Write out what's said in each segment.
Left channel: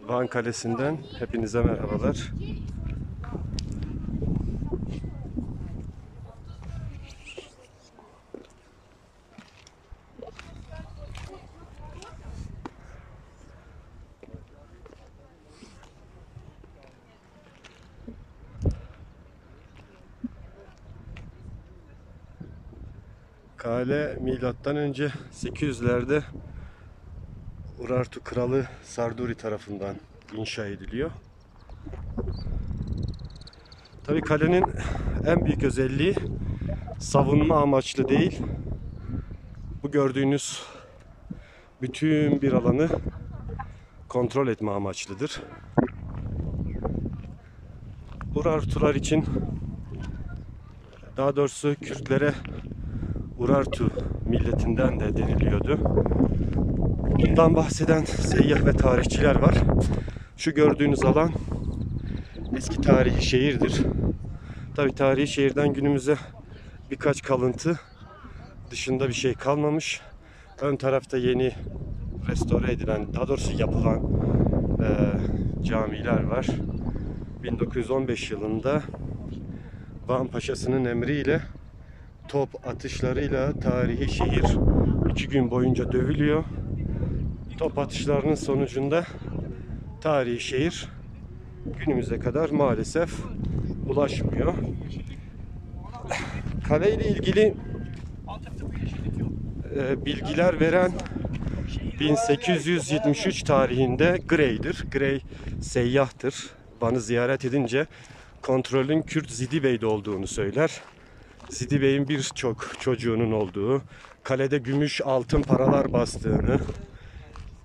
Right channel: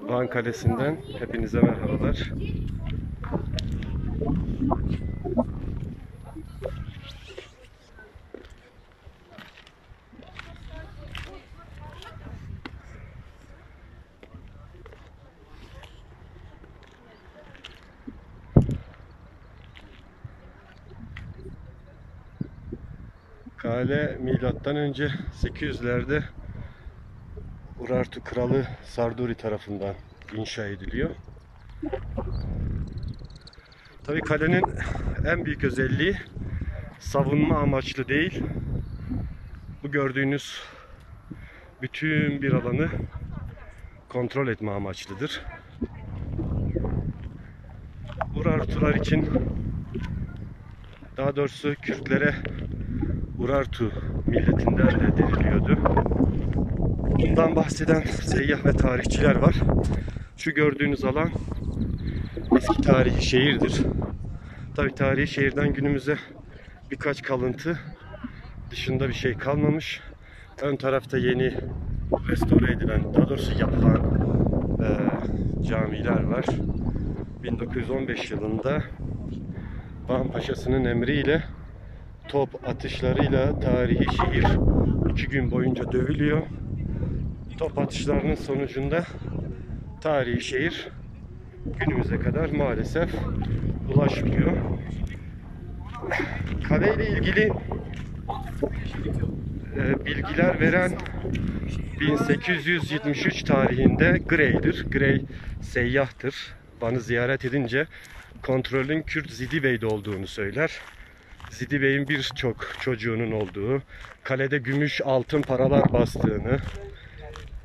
Van Kalesi'nden hepinize merhabalar. Kale milattan önce 800'lerde Urartu Kralı Sarduri tarafından inşa ediliyor. Tabii kalenin en büyük özelliği savunma amaçlı değil. Bu gördüğünüz bütün bir alanı kontrol etme amaçlıdır. Urartular için, daha doğrusu Kürtlere Urartu milletinden de deniliyordu. Bundan bahseden seyyah ve tarihçiler var. Şu gördüğünüz alan eski tarihi şehirdir. Tabii tarihi şehirden günümüze birkaç kalıntı dışında bir şey kalmamış. Ön tarafta yeni restore edilen, daha doğrusu yapılan camiler var. 1915 yılında Van Paşası'nın emriyle top atışlarıyla tarihi şehir 2 gün boyunca dövülüyor. Top atışlarının sonucunda tarihi şehir günümüze kadar maalesef ulaşmıyor. Kale ile ilgili bilgiler veren 1873 tarihinde Grey'dir. Grey seyyahtır. Van'ı ziyaret edince kontrolün Kürt Zidi Bey'de olduğunu söyler. Zidi Bey'in birçok çocuğunun olduğu, kalede gümüş altın paralar bastığını,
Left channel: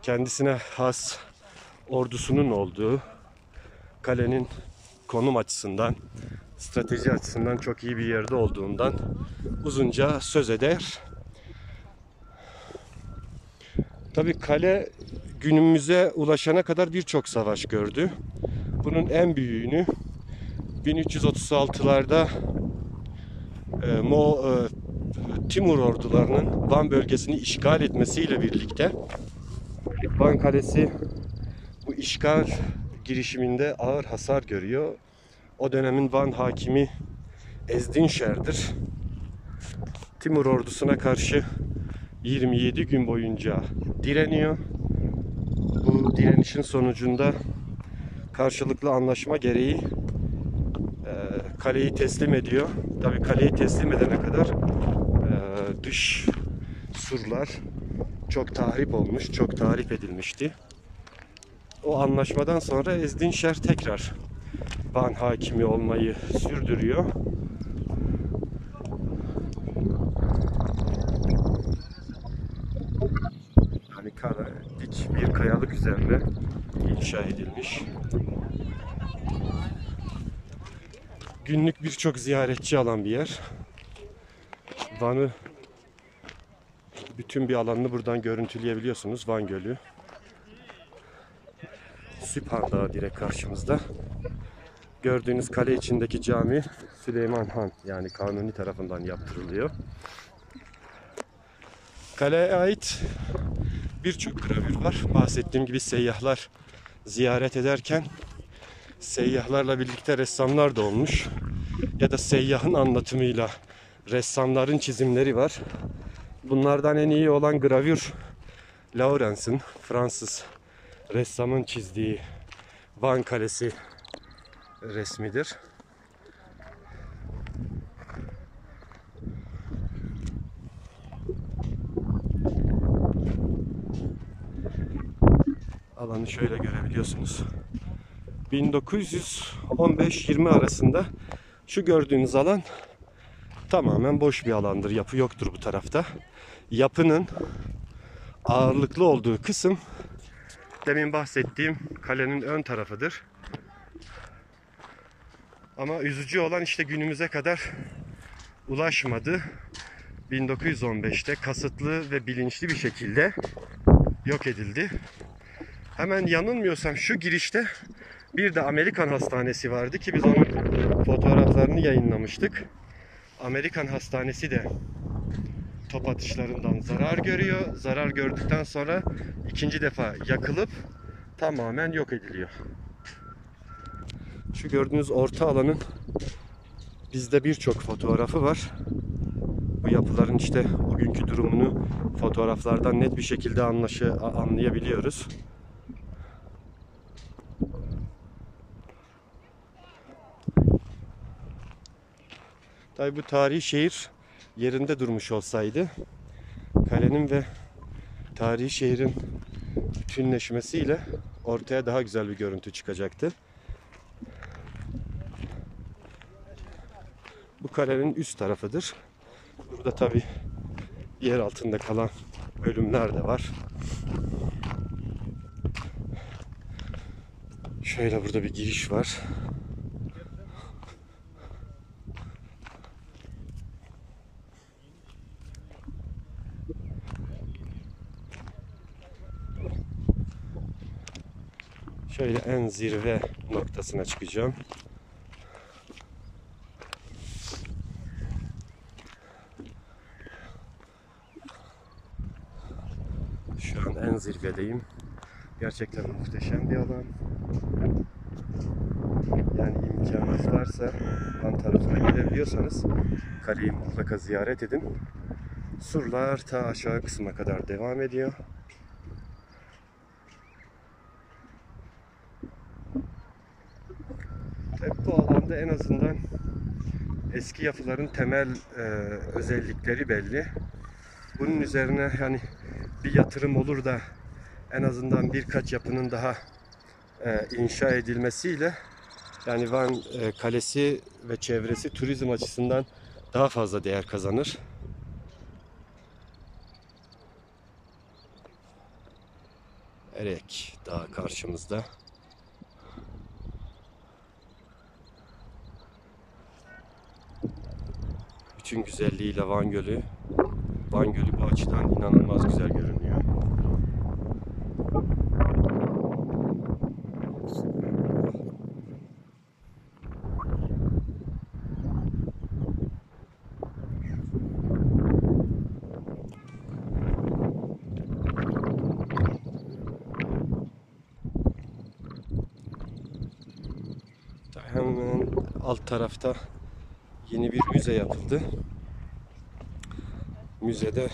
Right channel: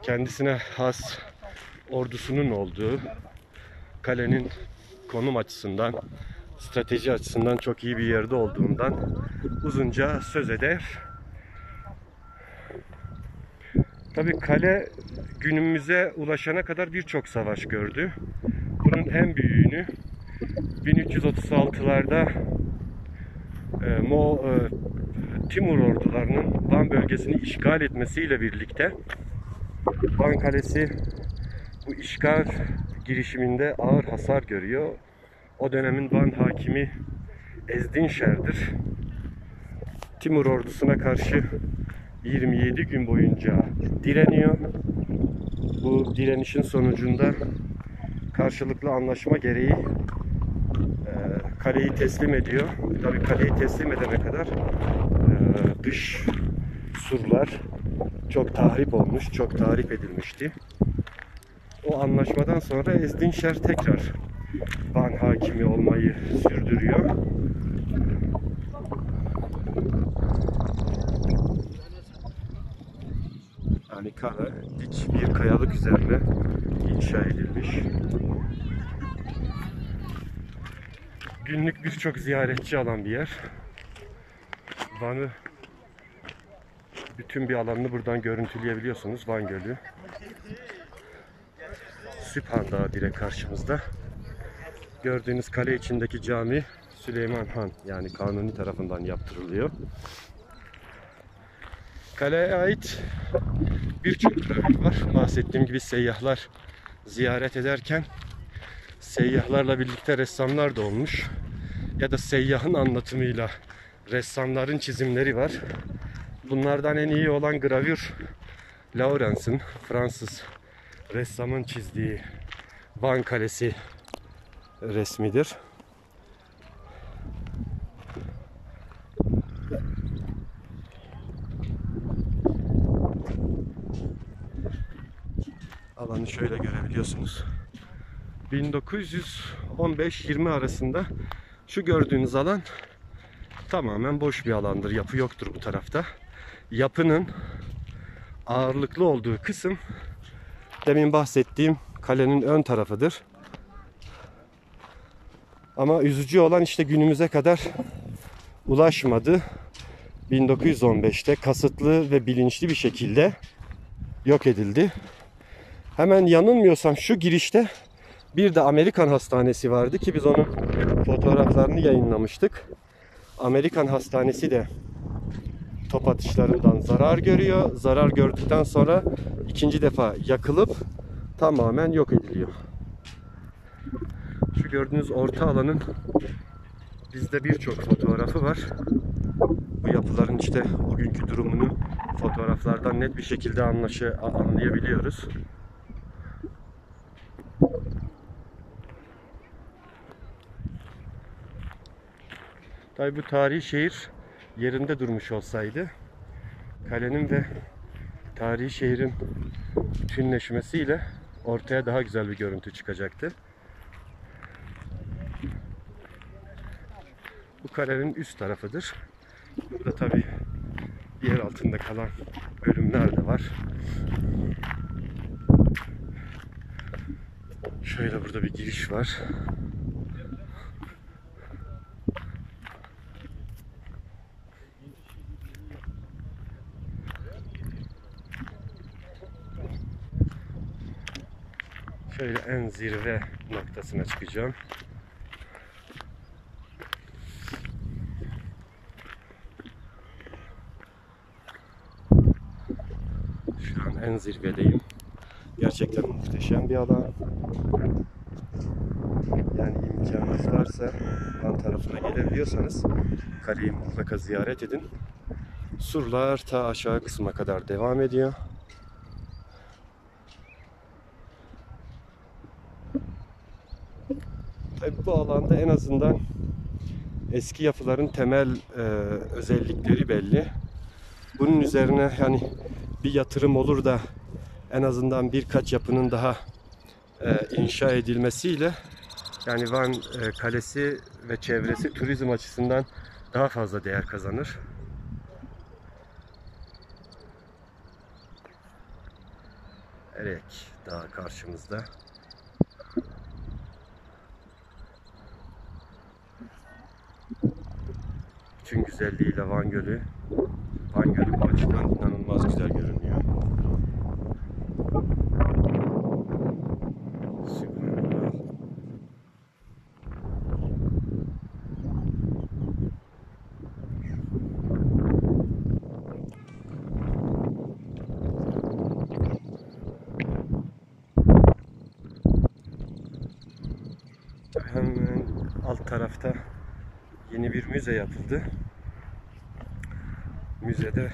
kendisine has ordusunun olduğu, kalenin konum açısından, strateji açısından çok iyi bir yerde olduğundan uzunca söz eder. Tabii kale günümüze ulaşana kadar birçok savaş gördü. Bunun en büyüğünü 1336'larda Timur ordularının Van bölgesini işgal etmesiyle birlikte Van Kalesi bu işgal girişiminde ağır hasar görüyor. O dönemin Van hakimi Ezdinşer'dir. Timur ordusuna karşı 27 gün boyunca direniyor. Bu direnişin sonucunda karşılıklı anlaşma gereği kaleyi teslim ediyor. Tabii kaleyi teslim edene kadar dış surlar çok tahrip olmuş, çok tahrip edilmişti. O anlaşmadan sonra Ezdinşer tekrar Van hakimi olmayı sürdürüyor. Yani kale dik bir kayalık üzerine inşa edilmiş. Günlük birçok ziyaretçi alan bir yer. Van'ı bütün bir alanını buradan görüntüleyebiliyorsunuz. Van Gölü. Süphan Dağı direkt karşımızda. Gördüğünüz kale içindeki cami Süleyman Han, yani Kanuni tarafından yaptırılıyor. Kaleye ait birçok gravür var. Bahsettiğim gibi seyyahlar ziyaret ederken seyyahlarla birlikte ressamlar da olmuş. Ya da seyyahın anlatımıyla ressamların çizimleri var. Bunlardan en iyi olan gravür Lawrence'ın, Fransız ressamın çizdiği Van Kalesi resmidir. Alanı şöyle görebiliyorsunuz. 1915-20 arasında şu gördüğünüz alan tamamen boş bir alandır. Yapı yoktur bu tarafta. Yapının ağırlıklı olduğu kısım demin bahsettiğim kalenin ön tarafıdır. Ama üzücü olan işte günümüze kadar ulaşmadı. 1915'te kasıtlı ve bilinçli bir şekilde yok edildi. Hemen yanılmıyorsam şu girişte bir de Amerikan Hastanesi vardı ki biz onun fotoğraflarını yayınlamıştık. Amerikan Hastanesi de top atışlarından zarar görüyor. Zarar gördükten sonra ikinci defa yakılıp tamamen yok ediliyor. Şu gördüğünüz orta alanın bizde birçok fotoğrafı var. Bu yapıların işte bugünkü durumunu fotoğraflardan net bir şekilde anlayabiliyoruz. Tabii bu tarihi şehir yerinde durmuş olsaydı, kalenin ve tarihi şehrin bütünleşmesiyle ortaya daha güzel bir görüntü çıkacaktı. Bu kalenin üst tarafıdır. Burada tabii yer altında kalan bölümler de var. Şöyle burada bir giriş var. Şöyle en zirve noktasına çıkacağım. Şu an en zirvedeyim. Gerçekten muhteşem bir alan. Yani imkanınız varsa Van tarafına gidebiliyorsanız kaleyi mutlaka ziyaret edin. Surlar ta aşağı kısma kadar devam ediyor. Tabii bu alanda en azından eski yapıların temel özellikleri belli. Bunun üzerine yani bir yatırım olur da en azından birkaç yapının daha inşa edilmesiyle yani Van Kalesi ve çevresi turizm açısından daha fazla değer kazanır. Erek Dağı karşımızda. Bütün güzelliğiyle Van Gölü bu açıdan inanılmaz güzel görünüyor. Hemen alt tarafta yeni bir müze yapıldı. Müzede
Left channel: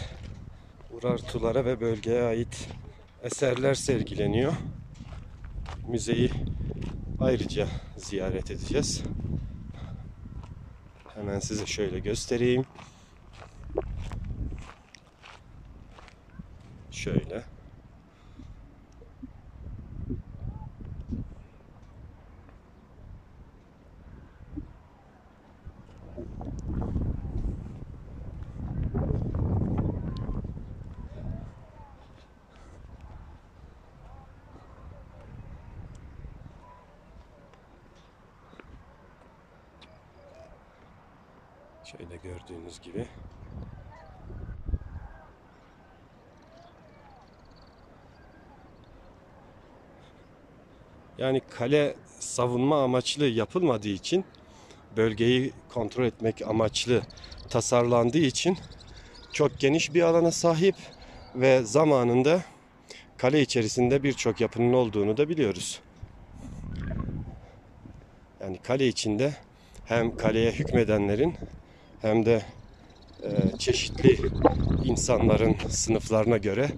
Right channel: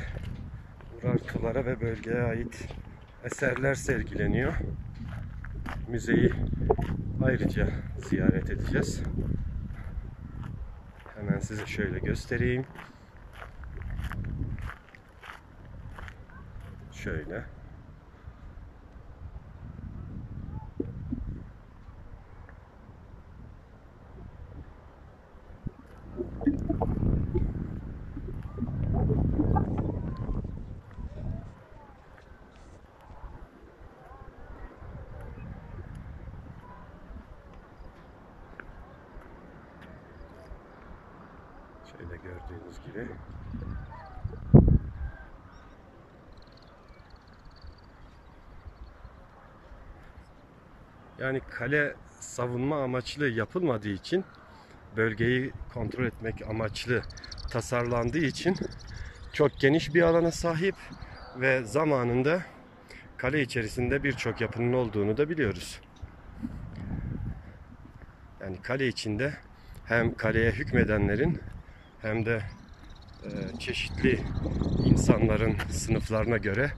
Urartulara ve bölgeye ait eserler sergileniyor. Müzeyi ayrıca ziyaret edeceğiz. Hemen size şöyle göstereyim. Şöyle. Şöyle gördüğünüz gibi. Yani kale savunma amaçlı yapılmadığı için, bölgeyi kontrol etmek amaçlı tasarlandığı için çok geniş bir alana sahip ve zamanında kale içerisinde birçok yapının olduğunu da biliyoruz. Yani kale içinde hem kaleye hükmedenlerin hem de çeşitli insanların sınıflarına göre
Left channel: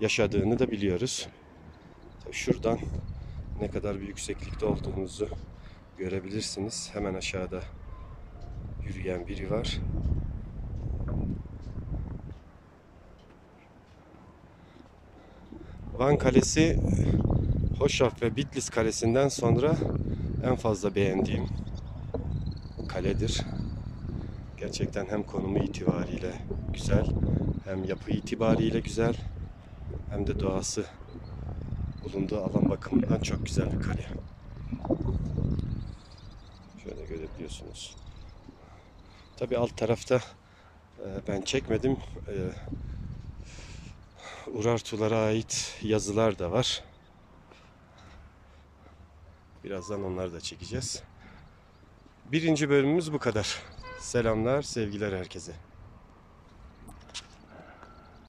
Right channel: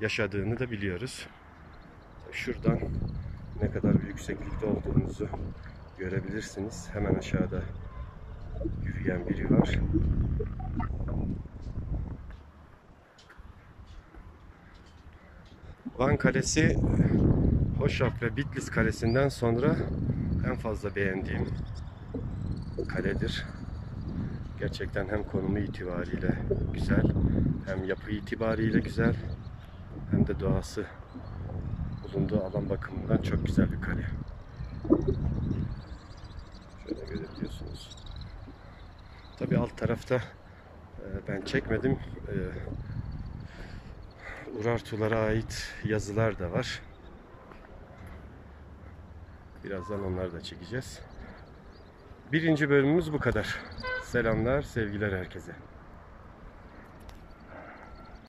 yaşadığını da biliyoruz. Şuradan ne kadar bir yükseklikte olduğumuzu görebilirsiniz. Hemen aşağıda yürüyen biri var. Van Kalesi, Hoşaf ve Bitlis Kalesi'nden sonra en fazla beğendiğim kaledir. Gerçekten hem konumu itibariyle güzel, hem yapı itibariyle güzel, hem de doğası bulunduğu alan bakımından çok güzel bir kale. Şöyle görebiliyorsunuz. Tabii alt tarafta ben çekmedim. Urartulara ait yazılar da var. Birazdan onları da çekeceğiz. Birinci bölümümüz bu kadar. Selamlar, sevgiler herkese.